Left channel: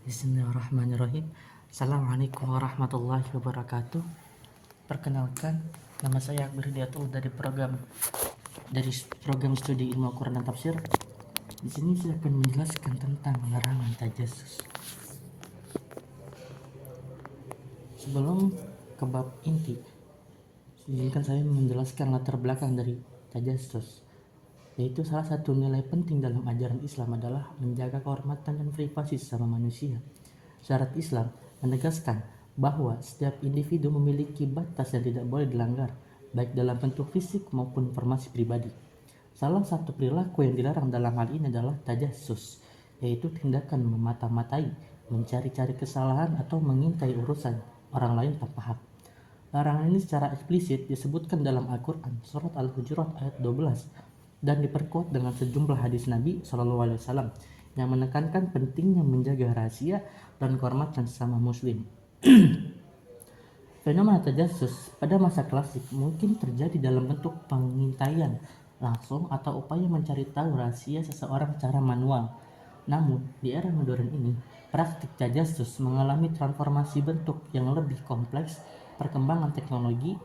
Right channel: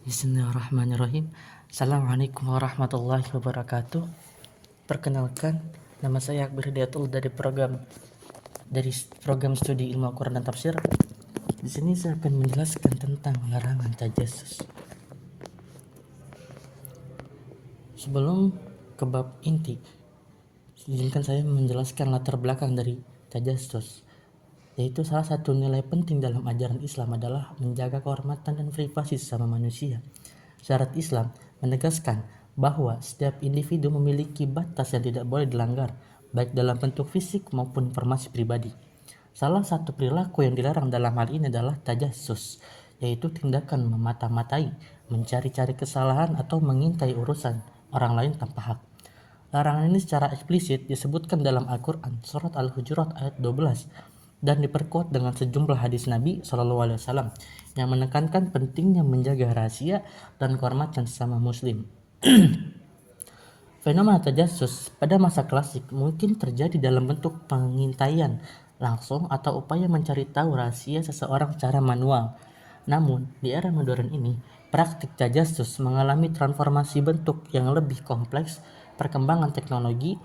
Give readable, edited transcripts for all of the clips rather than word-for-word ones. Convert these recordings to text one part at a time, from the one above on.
Bismillahirrahmanirrahim. Assalamualaikum warahmatullahi wabarakatuh. Perkenalkan, nama saya Akbar Hidayatul dari program studi ilmu Al-Quran dan Tafsir. Di sini saya akan menjelaskan tentang larangan tajassus. Sebelum ke bab inti, izinkan saya menjelaskan latar belakang dari tajassus, yaitu salah satu nilai penting dalam ajaran Islam adalah menjaga kehormatan dan privasi sesama manusia. Syariat Islam menegaskan bahwa setiap individu memiliki batas yang tidak boleh dilanggar, baik dalam bentuk fisik maupun informasi pribadi. Salah satu perilaku yang dilarang dalam hal ini adalah tajassus, yaitu tindakan memata-matai, mencari-cari kesalahan atau mengintai urusan orang lain tanpa hak. Larangan ini secara eksplisit disebutkan dalam Al-Quran Surat Al-Hujurat ayat 12 dan diperkuat dengan sejumlah hadis Nabi SAW yang menekankan pentingnya menjaga rahasia dan kehormatan sesama muslim. Fenomena tajassus pada masa klasik mungkin terjadi dalam bentuk pengintaian langsung atau upaya mencari tahu rahasia seseorang secara manual. Namun, di era modern ini, praktik tajassus mengalami transformasi bentuk yang lebih kompleks. Perkembangan teknologi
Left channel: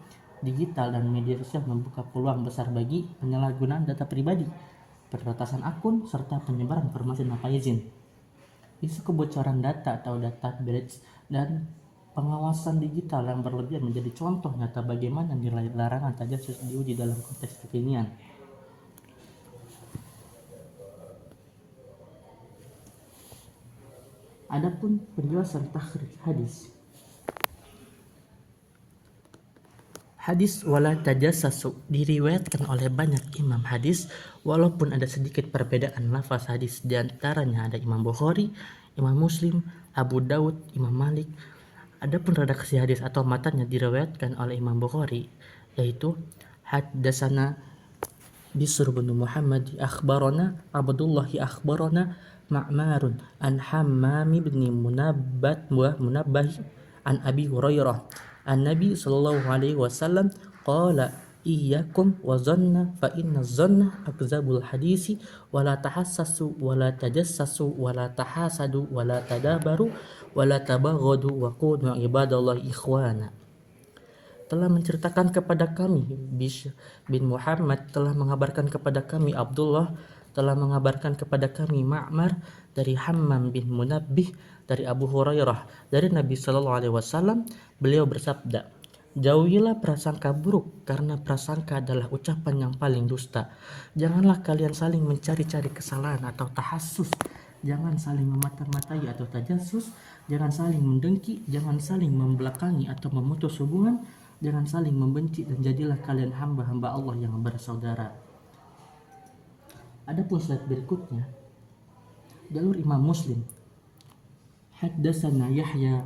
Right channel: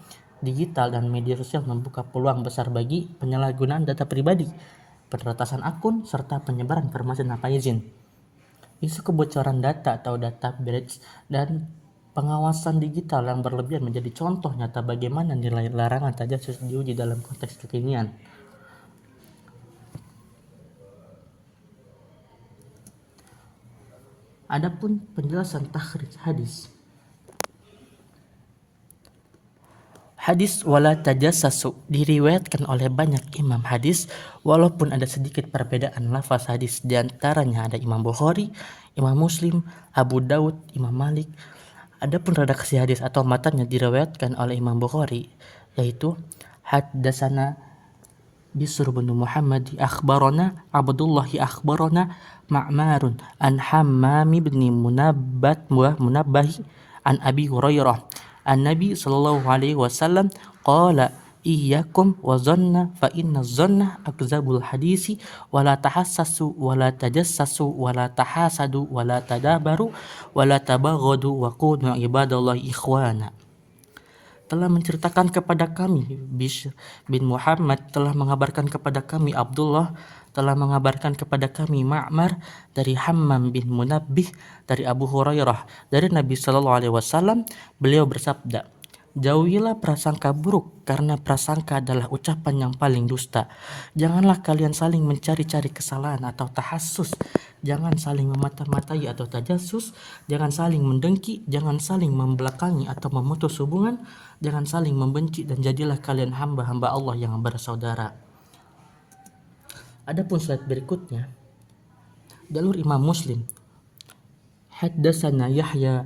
digital dan media sosial membuka peluang besar bagi penyalahgunaan data pribadi, peredasan akun, serta penyebaran informasi tanpa izin. Isu kebocoran data atau data breach dan pengawasan digital yang berlebihan menjadi contoh nyata bagaimana nilai larangan tajassus diuji dalam konteks kekinian. Adapun penjelasan takhrij hadis. Hadis wala tajassasu diriwayatkan oleh banyak imam hadis, walaupun ada sedikit perbedaan lafaz hadis. Di antaranya ada Imam Bukhari, Imam Muslim, Abu Daud, Imam Malik. Adapun redaksi hadis atau matanya diriwayatkan oleh Imam Bukhari, yaitu haddatsana Bisr bin Muhammad akhbarana Abdullah akhbarana Ma'marun an Hammam bin Munabbah an Abi Hurairah an-Nabi sallallahu alaihi wasallam qala iyyakum wa dhanna fa inna dhanna akzabul hadisi wa la tahassasu wa la tajassasu wa la tahasadu wa la tadabaru wa la tabaghadu wa kunu ibadallahi ikhwana. Telah menceritakan kepada kami Bishr bin Muhammad telah mengabarkan kepada kami Abdullah telah mengabarkan kepada kami Ma'mar dari Hammam bin Munabbih dari Abu Hurairah dari Nabi sallallahu alaihi wasallam. Beliau bersabda, jauhilah prasangka buruk karena prasangka adalah ucapan yang paling dusta. Janganlah kalian saling mencari-cari kesalahan atau tahassus. Jangan saling memata-matai atau tajassus. Jangan saling mendengki. Jangan saling membelakangi atau memutus hubungan. Jangan saling membenci dan jadilah kalian hamba-hamba Allah yang bersaudara. Adapun slide berikutnya, jalur Imam Muslim. Haddatsana Yahya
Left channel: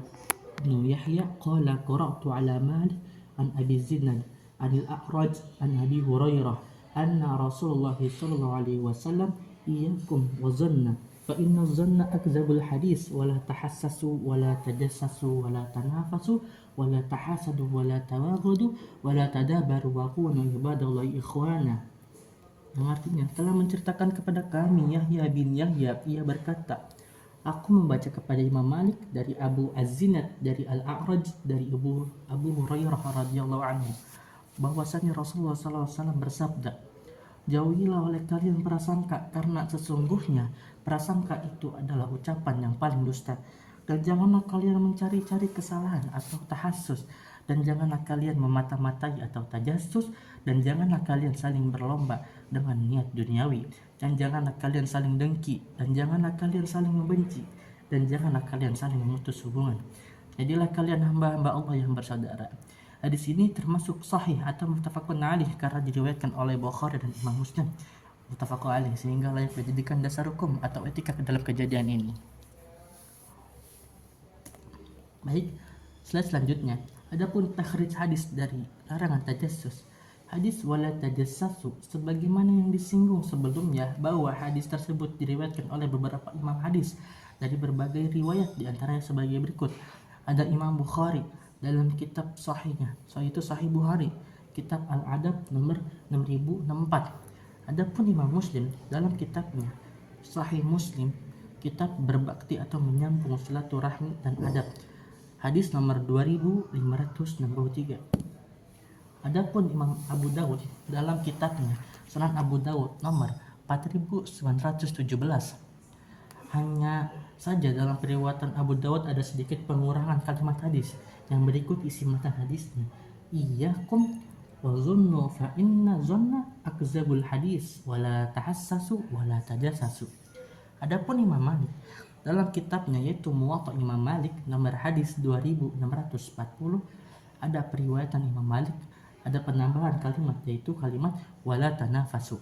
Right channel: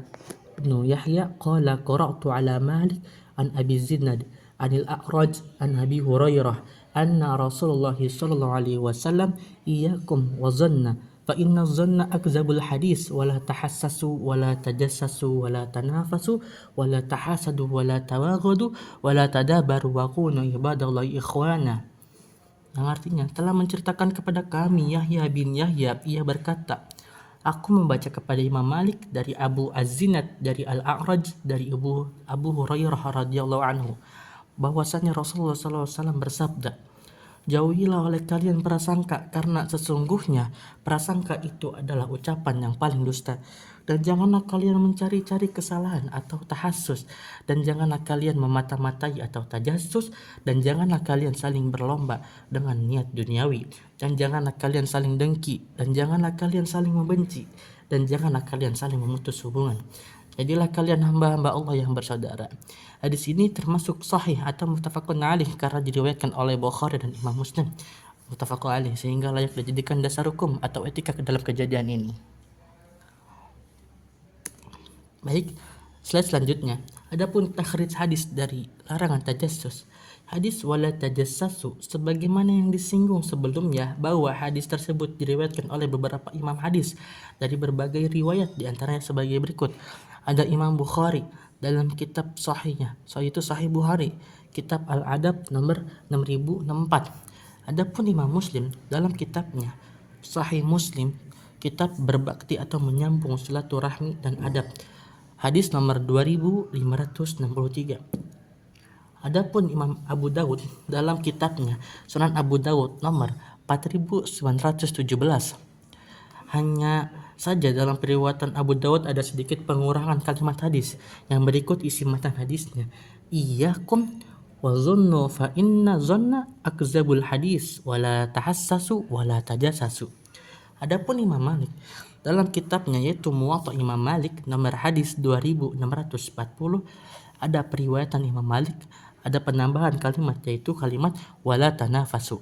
bin Yahya qala qara'tu ala Malik an Abi Zinad anil A'raj an Abi Hurairah anna Rasulullah sallallahu alaihi wasallam iyyakum wa dhanna fa inna dhanna akzabul hadis wa la tahassasu wa la tajassasu wa la tanafasu wa la tahasadu wa la tawaghadu wa la tadabaru wa kunu ibadallahi ikhwana. Yang artinya telah menceritakan kepada kami Yahya bin Yahya, ia berkata, aku membaca kepada Imam Malik dari Abu Az-Zinad dari Al-A'raj dari Abu Hurairah radhiyallahu anhu bahwasanya Rasulullah SAW bersabda, jauhilah oleh kalian prasangka karena sesungguhnya prasangka itu adalah ucapan yang paling dusta. Dan janganlah kalian mencari-cari kesalahan atau tahassus, dan janganlah kalian memata-matai atau tajassus, dan janganlah kalian saling berlomba dengan niat duniawi, dan janganlah kalian saling dengki, dan janganlah kalian saling membenci, dan janganlah kalian saling memutus hubungan. Jadilah kalian hamba-hamba Allah yang bersaudara. Hadis ini termasuk sahih atau muttafaqun alaih karena diriwayatkan oleh Bukhari dan Imam Muslim. Muttafaqun alaih sehingga layak dijadikan dasar hukum atau etika dalam kejadian ini. Baik, slide selanjutnya. Adapun takhrij hadis dari larangan tajassus. Hadis wala tajassasu sebagaimana yang disinggung sebelumnya bahwa hadis tersebut diriwayatkan oleh beberapa imam hadis dari berbagai riwayat, di antaranya sebagai berikut. Ada Imam Bukhari dalam kitab sahihnya, yaitu Sahih Bukhari, kitab Al-Adab nomor 6064. Adapun Imam Muslim dalam kitabnya Sahih Muslim kitab berbakti atau menyambung silaturahmi dan adab. Hadis nomor 2563. Adapun Imam Abu Dawud dalam kitabnya Sunan Abu Dawud nomor 4917. Hanya saja dalam periwayatan Abu Dawud ada sedikit pengurangan kalimat hadis yang berikut isi matan hadisnya. Iyyakum wa dhunnu fa inna dhanna akzabul hadis wala tahassasu wala tajassasu. Adapun Imam Malik dalam kitabnya yaitu Muwatta Imam Malik nomor hadis 2640 ada periwayatan Imam Malik ada penambahan kalimat yaitu kalimat wala tanafasu,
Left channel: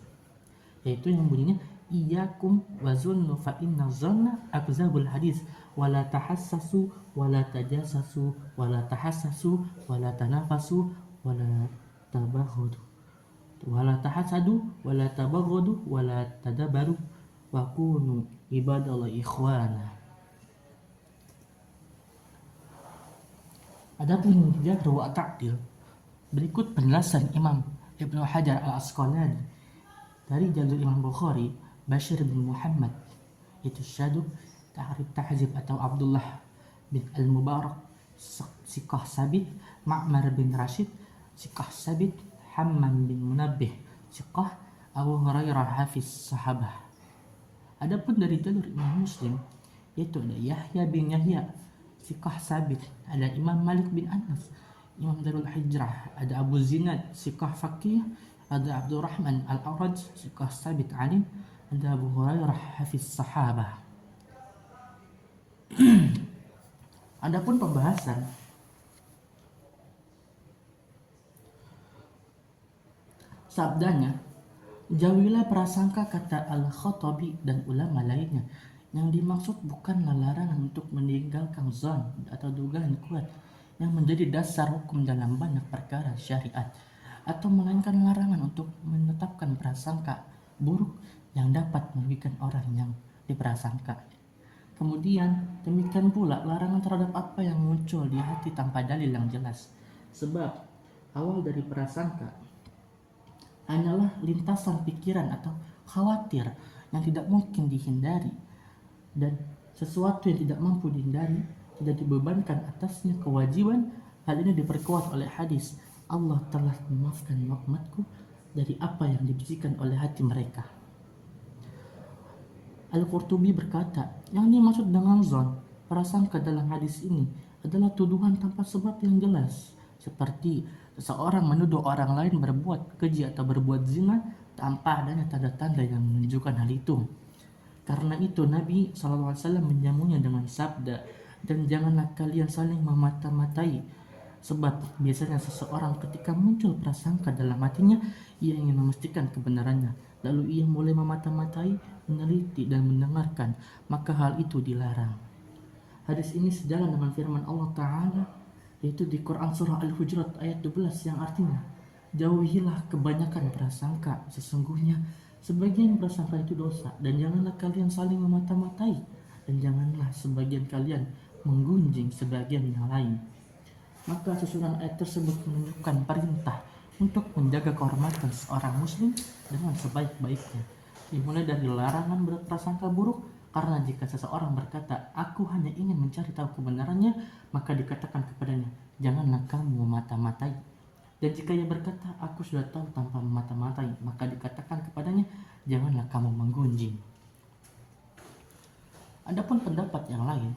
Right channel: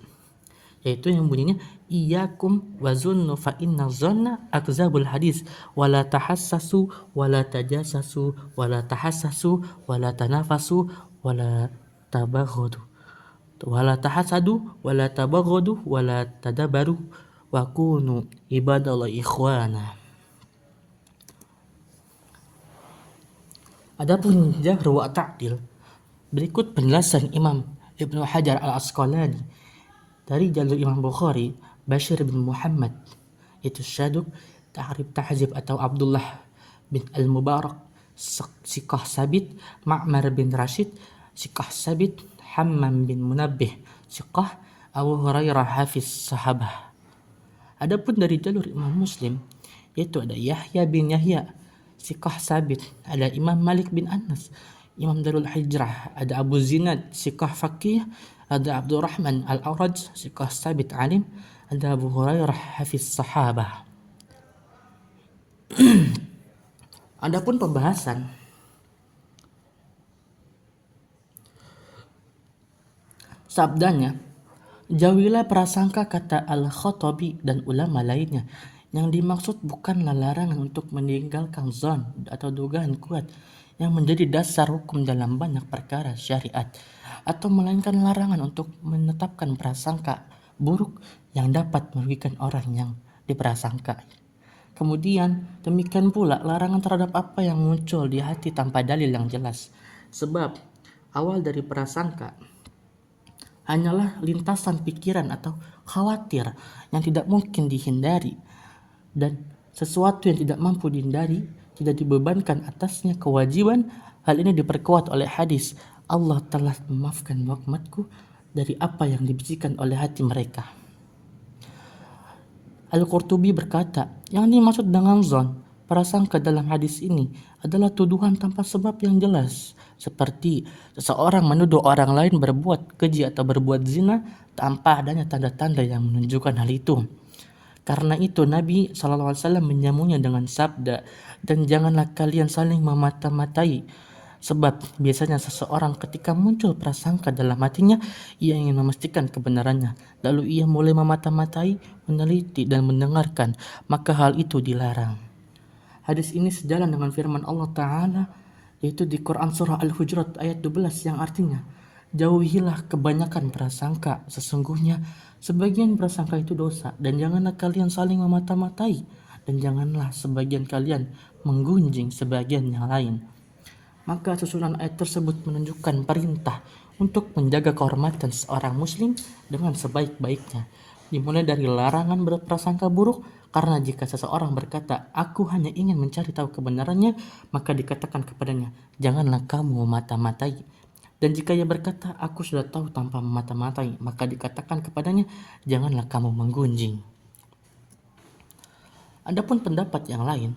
yaitu yang bunyinya iyyakum wazunnu fa inna dhanna akzabul hadis wala tahassasu wala tajassasu wala tahassasu wala tanafasu wala tabaghadu wala tahasadu wala tabaghadu wala tadabaru wa kunu ibadallahi ikhwana. Adapun jahr wa ta'dil, berikut penjelasan Imam Ibnu Hajar Al-Asqalani dari jalur Imam Bukhari Bashir bin Muhammad itu Syaduk Tahrib Tahzib atau Abdullah bin Al-Mubarak Siqah Sabit Ma'mar bin Rashid Siqah Sabit Hammam bin Munabbih Siqah Abu Hurairah Hafiz Sahabah. Adapun dari jalur Imam Muslim yaitu ada Yahya bin Yahya Siqah Sabit, ada Imam Malik bin Anas Imam Darul Hijrah, ada Abu Zinad Siqah Faqih, ada Abdurrahman Al-Awraj Siqah Sabit Alim, ada Abu Hurairah Hafiz Sahabah. Adapun pembahasan sabdanya, jauhilah prasangka, kata Al-Khattabi dan ulama lainnya. Yang dimaksud bukanlah larangan untuk meninggalkan zon atau dugaan kuat yang menjadi dasar hukum dalam banyak perkara syariat, atau melainkan larangan untuk menetapkan prasangka buruk yang dapat merugikan orang yang diprasangka. Kemudian demikian pula larangan terhadap apa yang muncul di hati tanpa dalil yang jelas, sebab awal dari prasangka hanyalah lintasan pikiran atau khawatir yang tidak mungkin dihindari, dan sesuatu yang tidak mampu dihindari tidak dibebankan atasnya kewajiban. Hal ini diperkuat oleh hadis, Allah telah memaafkan umatku dari apa yang dibisikkan oleh hati mereka. Al-Qurtubi berkata, yang dimaksud dengan zon, prasangka dalam hadis ini adalah tuduhan tanpa sebab yang jelas, seperti seseorang menuduh orang lain berbuat keji atau berbuat zina tanpa adanya tanda-tanda yang menunjukkan hal itu. Karena itu Nabi SAW menyambungnya dengan sabda, dan janganlah kalian saling memata-matai, sebab biasanya seseorang ketika muncul prasangka dalam hatinya, ia ingin memastikan kebenarannya, lalu ia mulai memata-matai, meneliti dan mendengarkan, maka hal itu dilarang. Hadis ini sejalan dengan firman Allah Ta'ala yaitu di Quran Surah Al-Hujurat ayat 12 yang artinya, jauhilah kebanyakan prasangka, sesungguhnya sebagian prasangka itu dosa, dan janganlah kalian saling memata-matai, dan janganlah sebagian kalian menggunjing sebagian yang lain. Maka susunan ayat tersebut menunjukkan perintah untuk menjaga kehormatan seorang muslim dengan sebaik-baiknya, dimulai dari larangan berprasangka buruk, karena jika seseorang berkata aku hanya ingin mencari tahu kebenarannya, maka dikatakan kepadanya janganlah kamu memata-matai. Dan jika ia berkata aku sudah tahu tanpa memata-matai, maka dikatakan kepadanya janganlah kamu menggunjing. Adapun pendapat yang lain,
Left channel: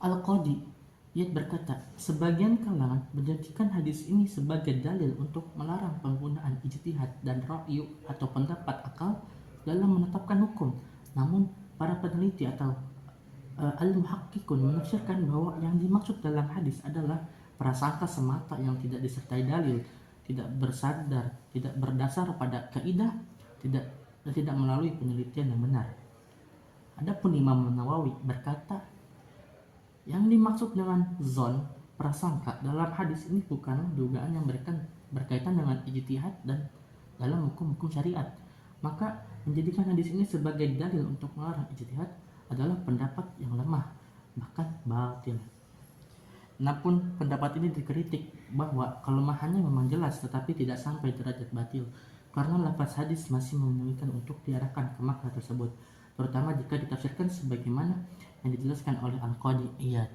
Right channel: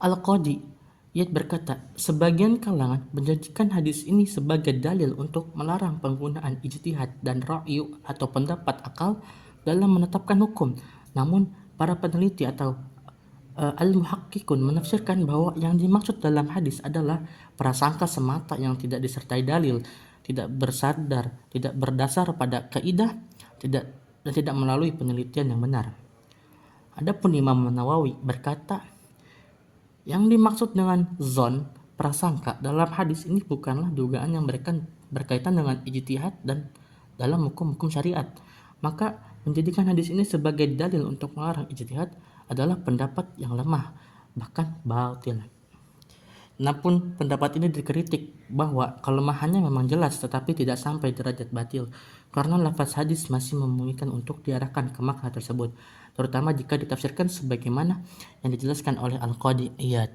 Al-Qadi Iyad berkata, sebagian kalangan menjadikan hadis ini sebagai dalil untuk melarang penggunaan ijtihad dan ra'yu atau pendapat akal dalam menetapkan hukum. Namun para peneliti atau al-muhakkikun menafsirkan bahwa yang dimaksud dalam hadis adalah prasangka semata yang tidak disertai dalil, tidak bersadar, tidak berdasar pada kaidah, dan tidak melalui penelitian yang benar. Adapun Imam Nawawi berkata, yang dimaksud dengan zon, prasangka dalam hadis ini bukanlah dugaan yang berkaitan dengan ijtihad dan dalam hukum-hukum syariat. Maka menjadikan hadis ini sebagai dalil untuk melarang ijtihad adalah pendapat yang lemah, bahkan batil. Namun pendapat ini dikritik bahwa kelemahannya memang jelas tetapi tidak sampai derajat batil. karena lafaz hadis masih memungkinkan untuk diarahkan ke makna tersebut, terutama jika ditafsirkan sebagaimana yang dijelaskan oleh Al-Qadi Iyad.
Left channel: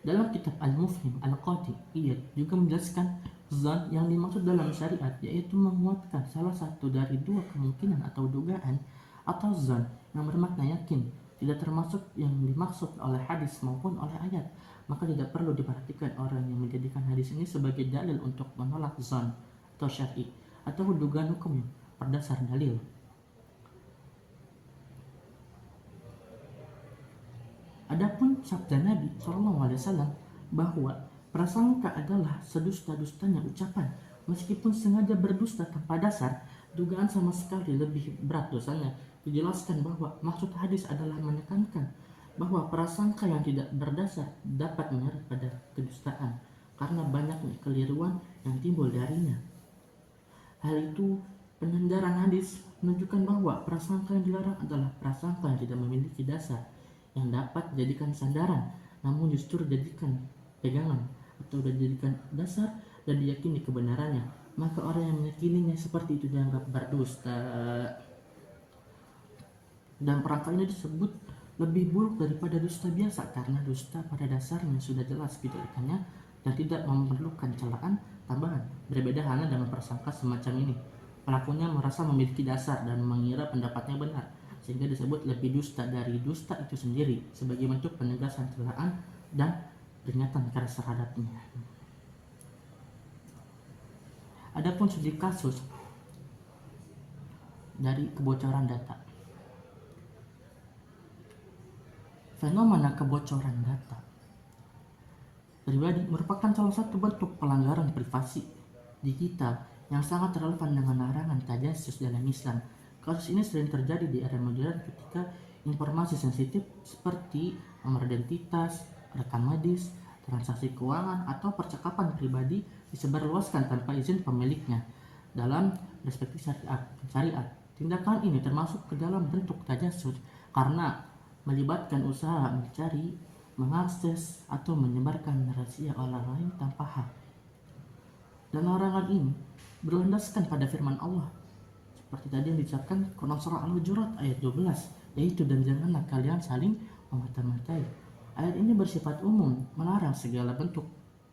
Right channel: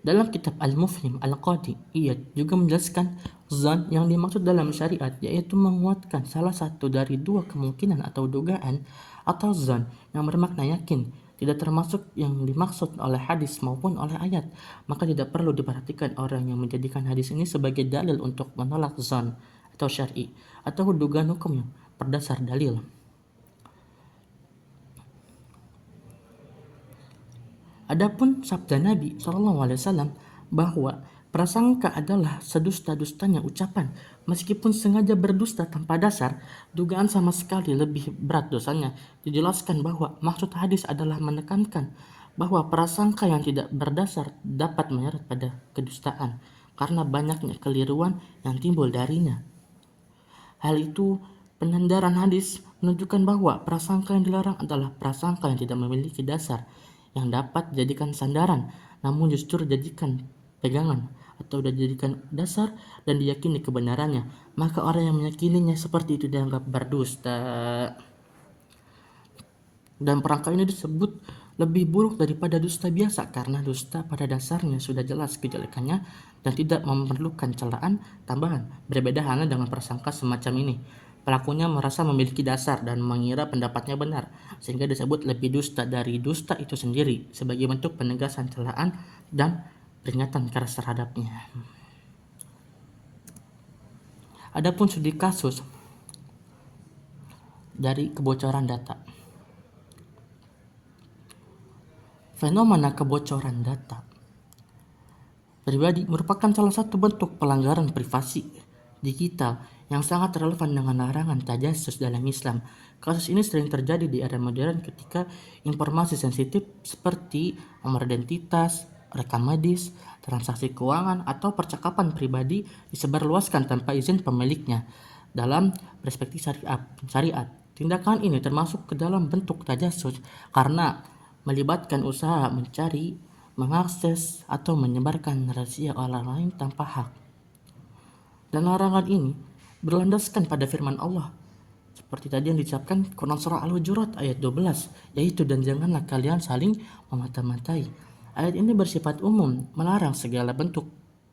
Dalam kitab Al-Mufhim, Al-Qadi Iyad juga menjelaskan zan yang dimaksud dalam syariat yaitu menguatkan salah satu dari dua kemungkinan atau dugaan, atau zan yang bermakna yakin, tidak termasuk yang dimaksud oleh hadis maupun oleh ayat. Maka tidak perlu diperhatikan orang yang menjadikan hadis ini sebagai dalil untuk menolak zan atau syar'i atau dugaan hukum yang berdasar dalil. Adapun sabda Nabi SAW bahwa prasangka adalah sedusta-dustanya ucapan, meskipun sengaja berdusta tanpa dasar, dugaan sama sekali lebih berat dosanya. Dijelaskan bahwa maksud hadis adalah menekankan bahwa prasangka yang tidak berdasar dapat menyeret pada kedustaan karena banyaknya keliruan yang timbul darinya. Hal itu penyandaran hadis menunjukkan bahwa prasangka yang dilarang adalah prasangka yang tidak memiliki dasar yang dapat dijadikan sandaran, namun justru dijadikan pegangan atau dijadikan dasar dan diyakini kebenarannya. Maka orang yang meyakininya seperti itu dianggap berdusta. Dan perangkat ini disebut lebih buruk daripada dusta biasa karena dusta pada dasarnya sudah jelas kejelekannya dan tidak memerlukan celaan tambahan. Berbeda halnya dengan prasangka semacam ini. Pelakunya merasa memiliki dasar dan mengira pendapatnya benar, sehingga disebut lebih dusta dari dusta itu sendiri sebagai bentuk penegasan celaan dan peringatan keras terhadapnya. Adapun studi kasus dari kebocoran data. Fenomena kebocoran data pribadi merupakan salah satu bentuk pelanggaran privasi digital yang sangat relevan dengan larangan tajassus dalam Islam. Kasus ini sering terjadi di era modern ketika informasi sensitif seperti nomor identitas, rekam medis, transaksi keuangan, atau percakapan pribadi disebarluaskan tanpa izin pemiliknya. Dalam perspektif syariat, tindakan ini termasuk ke dalam bentuk tajassus karena melibatkan usaha mencari, mengakses, atau menyebarkan rahasia orang lain tanpa hak. Dan larangan ini berlandaskan pada firman Allah seperti tadi yang diucapkan Quran surah Al-Hujurat ayat 12, yaitu dan janganlah kalian saling memata-matai. Ayat ini bersifat umum, melarang segala bentuk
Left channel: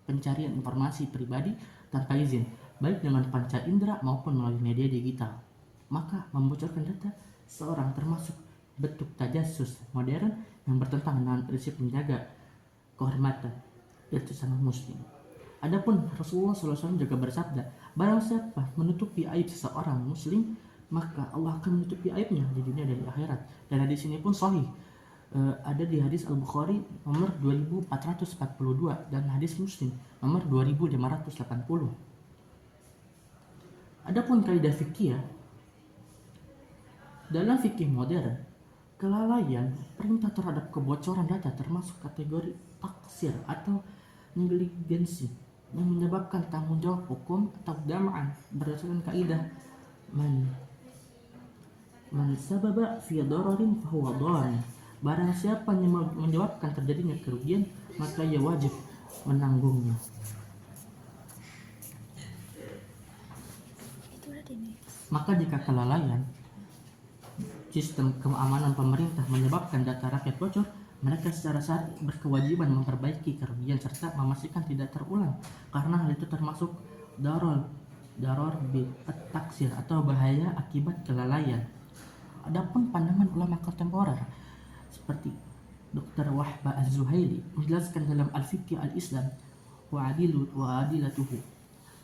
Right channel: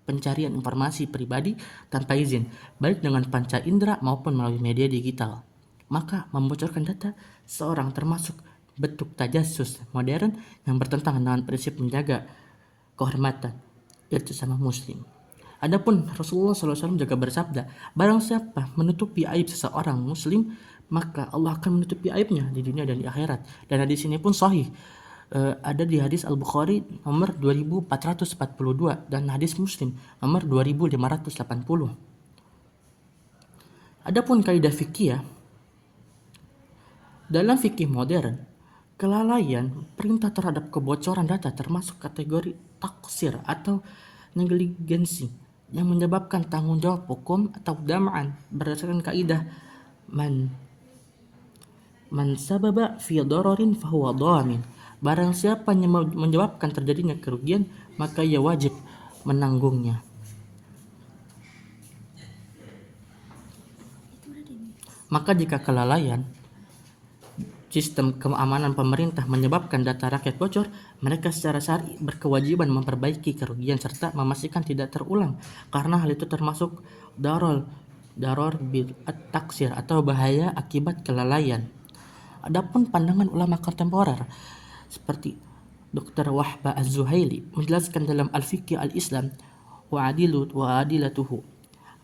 pencarian informasi pribadi tanpa izin, baik dengan panca indera maupun melalui media digital. Maka membocorkan data seorang termasuk bentuk tajassus modern yang bertentangan dengan prinsip menjaga kehormatan sesama muslim. Adapun Rasulullah SAW juga bersabda, barang siapa menutupi aib seseorang muslim, maka Allah akan menutupi aibnya di dunia dan di akhirat. Dan hadis ini pun sahih. Ada di hadis Al-Bukhari nomor 2442 dan hadis Muslim nomor 2580. Adapun kaidah fikih, dalam fikih modern, kelalaian perintah terhadap kebocoran data termasuk kategori taksir atau negligensi yang menyebabkan tanggung jawab hukum atau dam'an berdasarkan kaidah man sababa fi dararin fahuwa dhamin. Barang siapa yang menyebabkan terjadinya kerugian, maka ia wajib menanggungnya. Maka jika kelalaian sistem keamanan pemerintah menyebabkan data rakyat bocor, mereka secara syar'i berkewajiban memperbaiki kerugian serta memastikan tidak terulang, karena hal itu termasuk daror bil taksir atau bahaya akibat kelalaian. Adapun pandangan ulama kontemporer seperti Dr. Wahbah Az-Zuhaili menjelaskan dalam Al-Fiqh Al-Islam wa adilatuhu,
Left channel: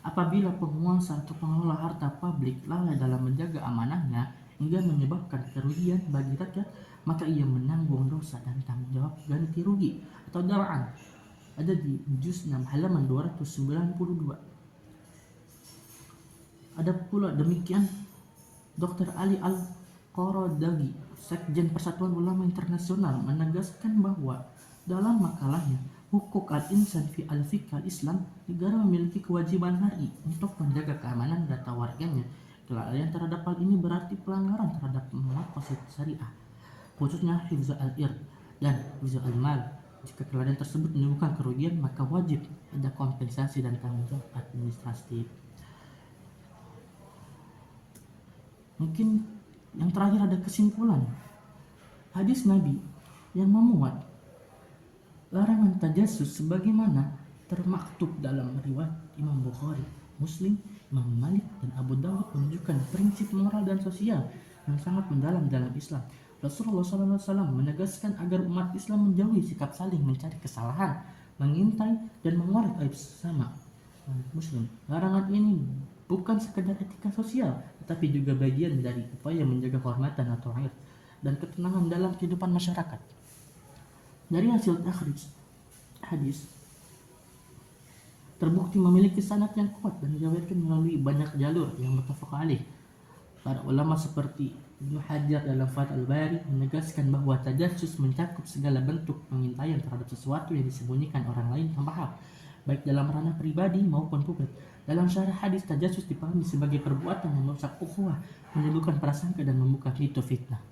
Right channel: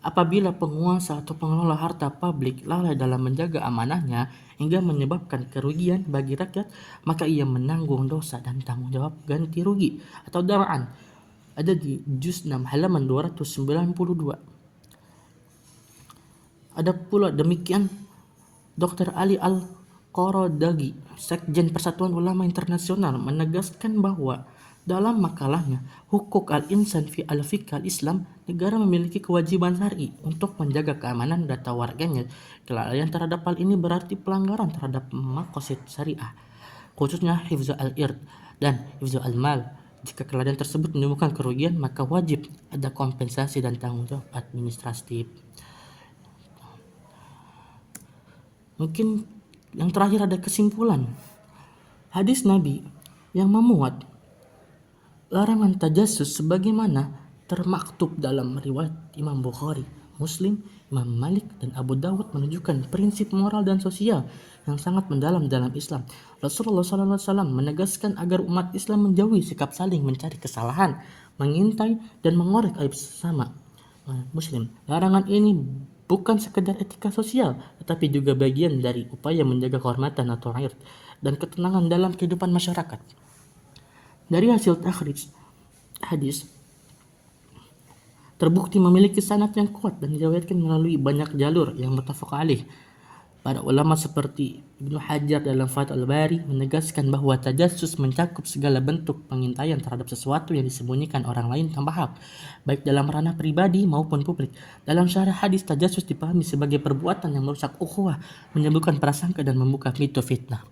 apabila penguasa atau pengelola harta publik lalai dalam menjaga amanahnya hingga menyebabkan kerugian bagi rakyat, maka ia menanggung dosa dan tanggung jawab ganti rugi atau dar'an. Ada di juz 6 halaman 292. Ada pula demikian Dr. Ali Al-Qaradagi, Sekjen Persatuan Ulama Internasional, menegaskan bahwa dalam makalahnya Hukuk al-Insan fi al-Fiqh al-Islam, negara memiliki kewajiban syar'i untuk menjaga keamanan data warganya. Kelalaian terhadap hal ini berarti pelanggaran terhadap maqasid syariah, khususnya hifzu al-ird dan hifzu al-mal. Jika kelalaian tersebut menimbulkan kerugian, maka wajib ada kompensasi dan tanggung jawab administratif. Mungkin yang terakhir ada kesimpulan. Hadis Nabi yang memuat larangan tajassus sebagaimana termaktub dalam riwayat Imam Bukhari, Muslim, Imam Malik, dan Abu Dawud menunjukkan prinsip moral dan sosial yang sangat mendalam dalam Islam. Rasulullah SAW menegaskan agar umat Islam menjauhi sikap saling mencari kesalahan, mengintai, dan mengorek aib sesama Muslim. Larangan ini bukan sekedar etika sosial, tetapi juga bagian dari upaya menjaga kehormatan atau rakyat dan ketenangan dalam kehidupan masyarakat. Dari hasil takhrij hadis terbukti memiliki sanad yang kuat dan diriwayatkan melalui banyak jalur yang muttafaq alaih. Para ulama seperti Ibnu Hajar dalam Fathul Bari menegaskan bahwa tajassus mencakup segala bentuk pengintaian terhadap sesuatu yang disembunyikan orang lain tanpa hak, baik dalam ranah pribadi maupun publik. Dalam syarah hadis, tajassus dipahami sebagai perbuatan yang merusak ukhuwah, menimbulkan prasangka dan membuka pintu fitnah.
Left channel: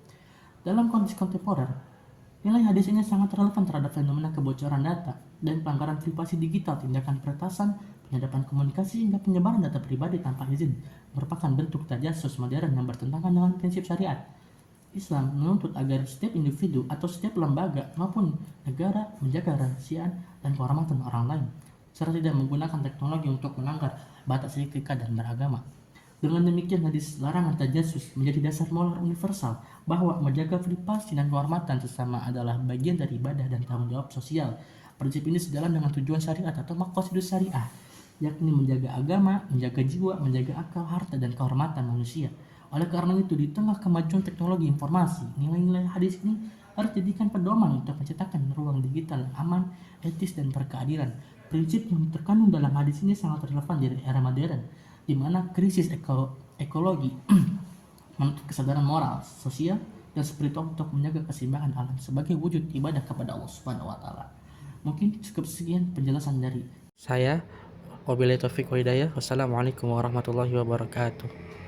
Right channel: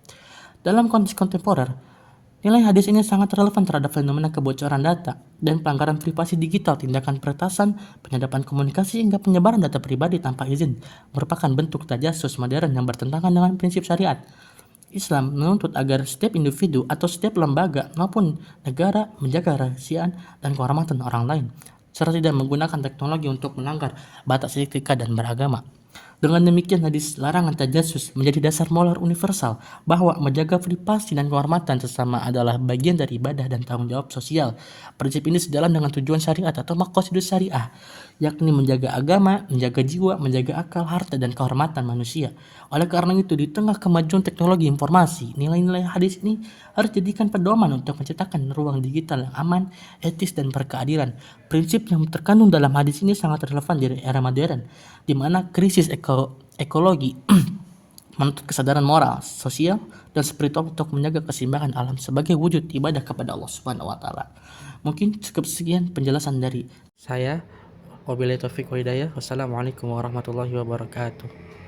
Dalam konteks kontemporer, nilai hadis ini sangat relevan terhadap fenomena kebocoran data dan pelanggaran privasi digital. Tindakan peretasan, penyadapan komunikasi, hingga penyebaran data pribadi tanpa izin merupakan bentuk tajassus modern yang bertentangan dengan prinsip syariat. Islam menuntut agar setiap individu atau setiap lembaga maupun negara menjaga kerahasiaan dan kehormatan orang lain, serta tidak menggunakan teknologi untuk melanggar batas etika dan beragama. Dengan demikian, hadis larangan tajassus menjadi dasar moral universal bahwa menjaga privasi dan kehormatan sesama adalah bagian dari ibadah dan tanggung jawab sosial. Prinsip ini sejalan dengan tujuan syariat atau maqasidus syariah, yakni menjaga agama, menjaga jiwa, menjaga akal, harta, dan kehormatan manusia. Oleh karena itu, di tengah kemajuan teknologi informasi, nilai-nilai hadis ini harus dijadikan pedoman untuk menciptakan ruang digital yang aman, etis, dan berkeadilan. Prinsip yang terkandung dalam hadis ini sangat relevan di era modern, di mana krisis ekologi menuntut kesadaran moral, sosial, dan spiritual untuk menjaga keseimbangan alam sebagai wujud ibadah kepada Allah Subhanahu wa taala. Mungkin cukup sekian penjelasan dari saya. Wabillahi taufiq wa hidayah. Wassalamualaikum warahmatullahi wabarakatuh.